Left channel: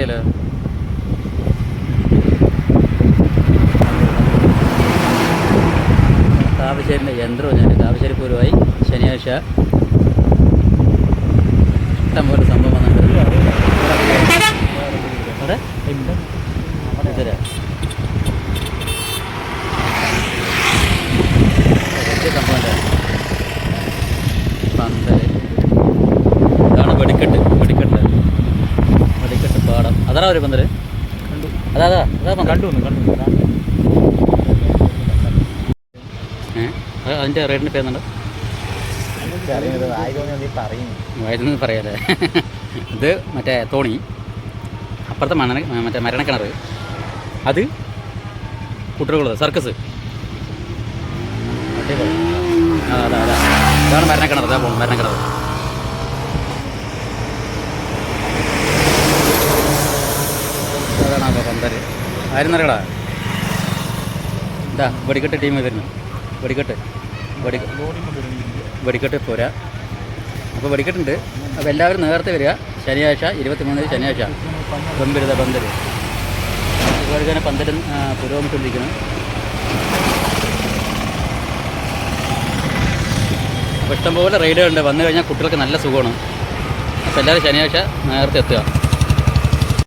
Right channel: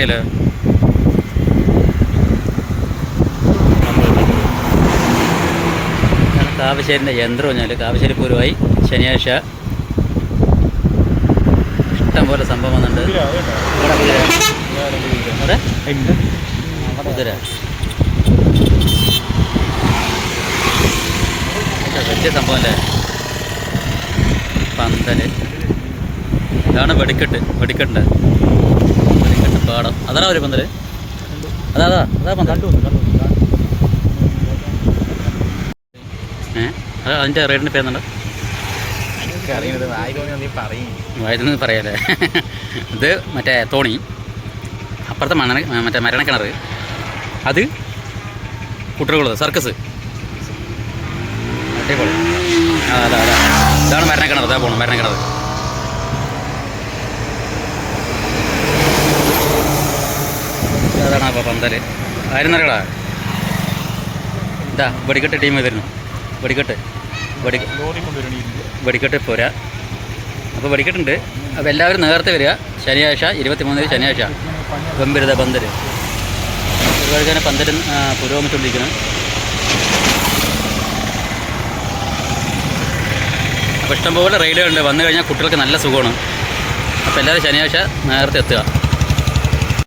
അറിയാലോ? കാവശ്ശേരിന്റെ യന്ത്രം ഞാൻ കാവശ്ശേരി പൂരമായി ശനിയാഴ്ച ഇഷ്ടം പോലെ സംഭവം വന്നിട്ടുണ്ട്. അവിടെ? കുതിര ഇത് വലിയ സംഭവം അല്ലേ പന്തൽ. ഇതാണ് വെടിക്കെട്ട്. വെടിക്കെട്ട്. പാടം. അതാ ഒരു പന്തൽ? അതാ അതാ അതാ പന്തൽ ഏഹ് അത്. അതിന്റെ റേറ്റിന്റെ പേരുന്നുണ്ട് വയതുന്നത് പറയാലേ. ഇത് മറ്റേ തോണി. അപ്പുറത്തെ മണ്ണ മറ്റേ മരണക്കിണർ അത് കുട്ടികളുള്ളത് സർക്കസ്. അടിപൊളി. ആ അതാ അതാ. ഇതാണ് മരണക്കിണർ അതാ പോകണം മരണക്കിണർ അപ്പോൾ പന്തൽ ആരും അറിയടാ ഇതാ വെടിക്കെട്ട് ടീം വരുന്നു വെടിക്കെട്ട്. വെടി വെടിക്കെട്ട് പോരാ. അപ്പോൾ വെടിക്കെട്ടുണ്ട്. അപ്പോൾ എല്ലാവരും നേരത്തെ വരിക. ശനിയാഴ്ച ഇരുപത്തി മൂന്നിന് ശനിയാഴ്ച. ഗംഭീരത പന്തൽ ഒരുപാട് തന്നെ പന്തൽ പുരോഗമിച്ചുകൊണ്ടിരിക്കുന്നു. അപ്പോൾ ഇഷ്ടംപോലെ റൈഡുകളുണ്ട് വന്നു കഴിഞ്ഞാൽ കുട്ടികൾക്ക് നല്ല സുഖമാണ്. അപ്പോൾ എല്ലാവരും ശനിയാഴ്ച നേരത്തെ എത്തുക.